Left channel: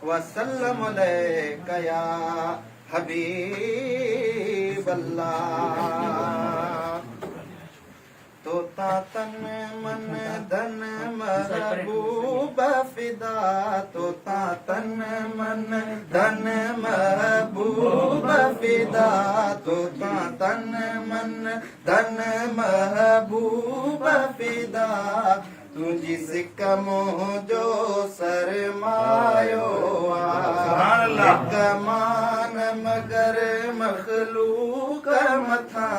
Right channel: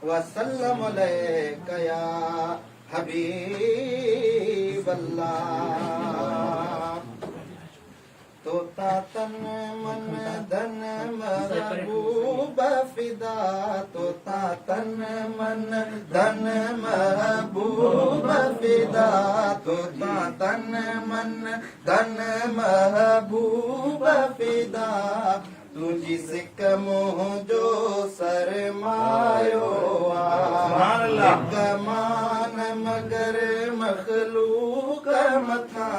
वसल्लम अलैका या हबीब अल्लाह। तोता तन मन धन महबूब फिदा, तोता तन मन धन महबूब फिदा, तोता तन मन धन महबूब फिदा। तू जिस कमों जो सरमायो कमान मगर मखलूक मथा,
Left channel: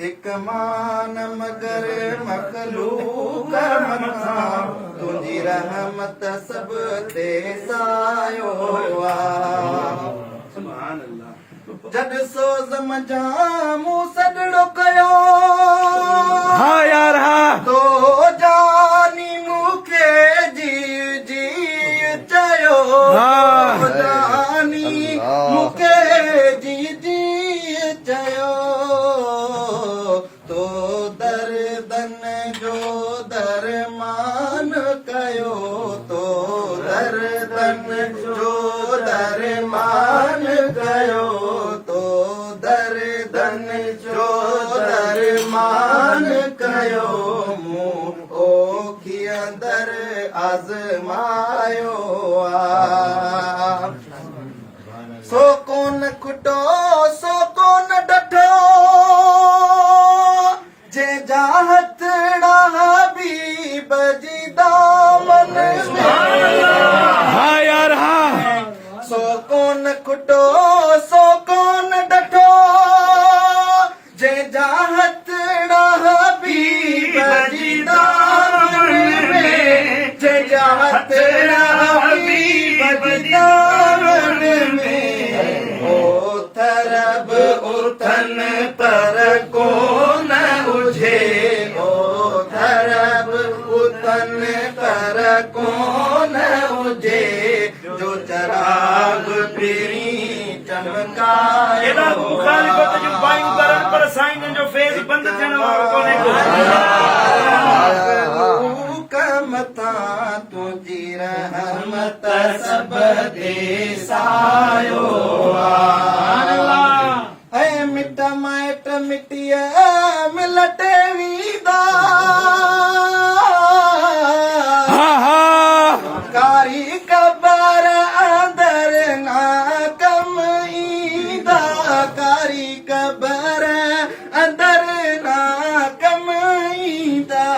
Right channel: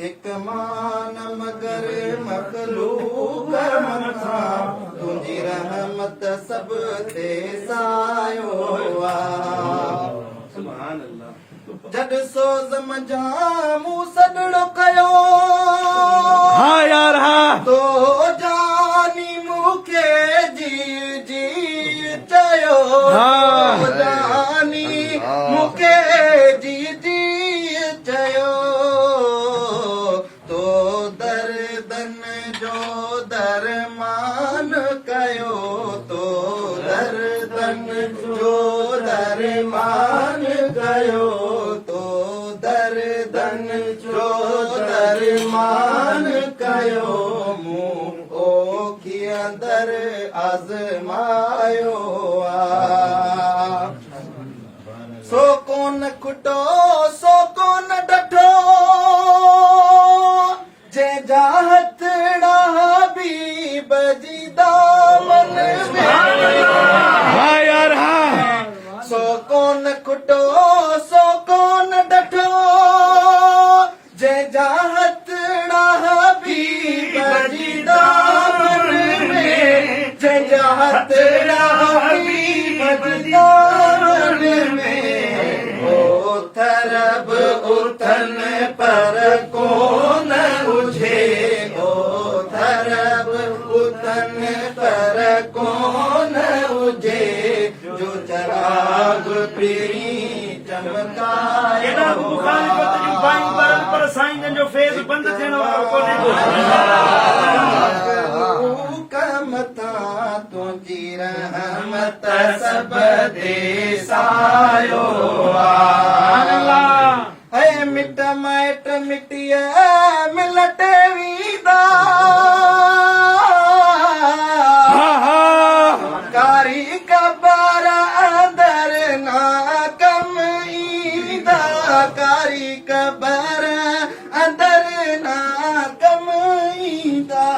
एक मान मगर मखलूक मथा। तुझी रहमत सब ते सायो सुभान अल्लाह। जद सोज़ मजामू सदड़ो कयो हाँ यार हाँ तो जानी मुखे जी जी चयो जानी मुखे जी जी चयो। तो दर्दन जो दरमान कयो, तो दर्दन जो दरमान कयो, तो दर्दन जो दरमान कयो। मुंह ओखी अंदर आज़मायो सो कोन खुटो सो कोन डठो, जे जाहतड़ा हबीब जी दामन हाँ यार हाँ सो कोन खुटो सो कोन डठो, जे जाहतड़ा हबीब जी दामन में, जे जाहतड़ा हबीब जी दामन में। ओ तरब उथन पर कौन उठे, ओ तरब उथन पर कौन उठे। जो चराग पिरी चमकायो पर साईं जो फेस बंद थियण वारो कोन्हे मथा। तुंहिंजी रहमत सब दे सायो ऐ मिट माइट मिटीअ मिलट वींदा, कारी कबर अंदर ना कम ईंदा, कारी कबर अंदर ना कम ईंदा।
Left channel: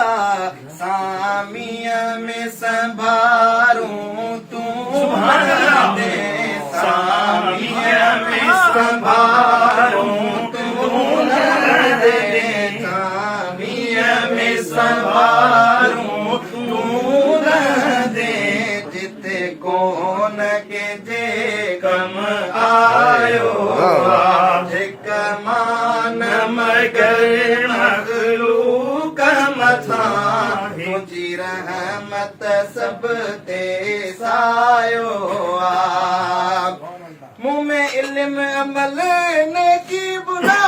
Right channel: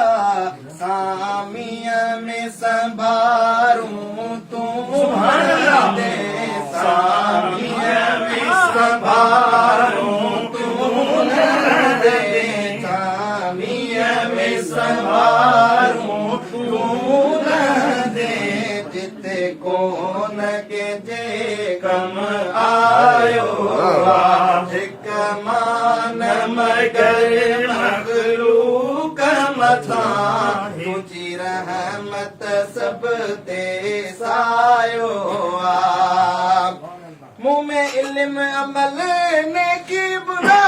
सामीअ में संभारूं तूं दे, सामीअ में संभारूं तूं दे, सामीअ में संभारूं तूं दे। जिते कोन के जे कम आयो हिक मान मगर मगलूक मथा। तुझी रहमत सब ते सायो मुँह में इल्म अमल ने की बुरा,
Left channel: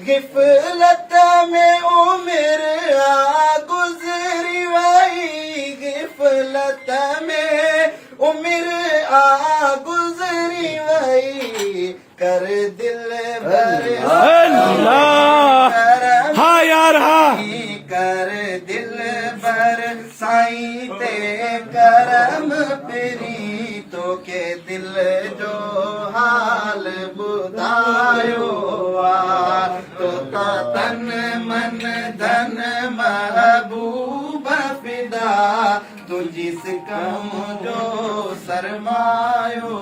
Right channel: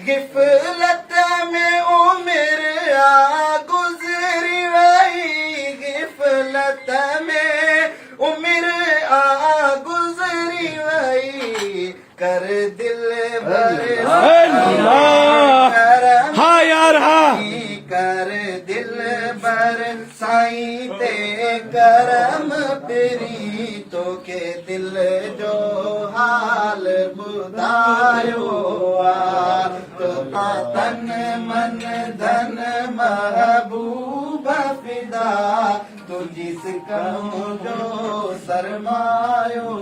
गिफलत में उम्र आ गुजरी वही, गिफलत में उम्र आ गुजरी वही। कर दिल भर हाँ यार हाँ कर दिल भर साईं ते करम पिरी। तो के दिल जो हाल बुधायो तोता तन मन धन महबूब फिदा। तुझी सिकम जो सरमायो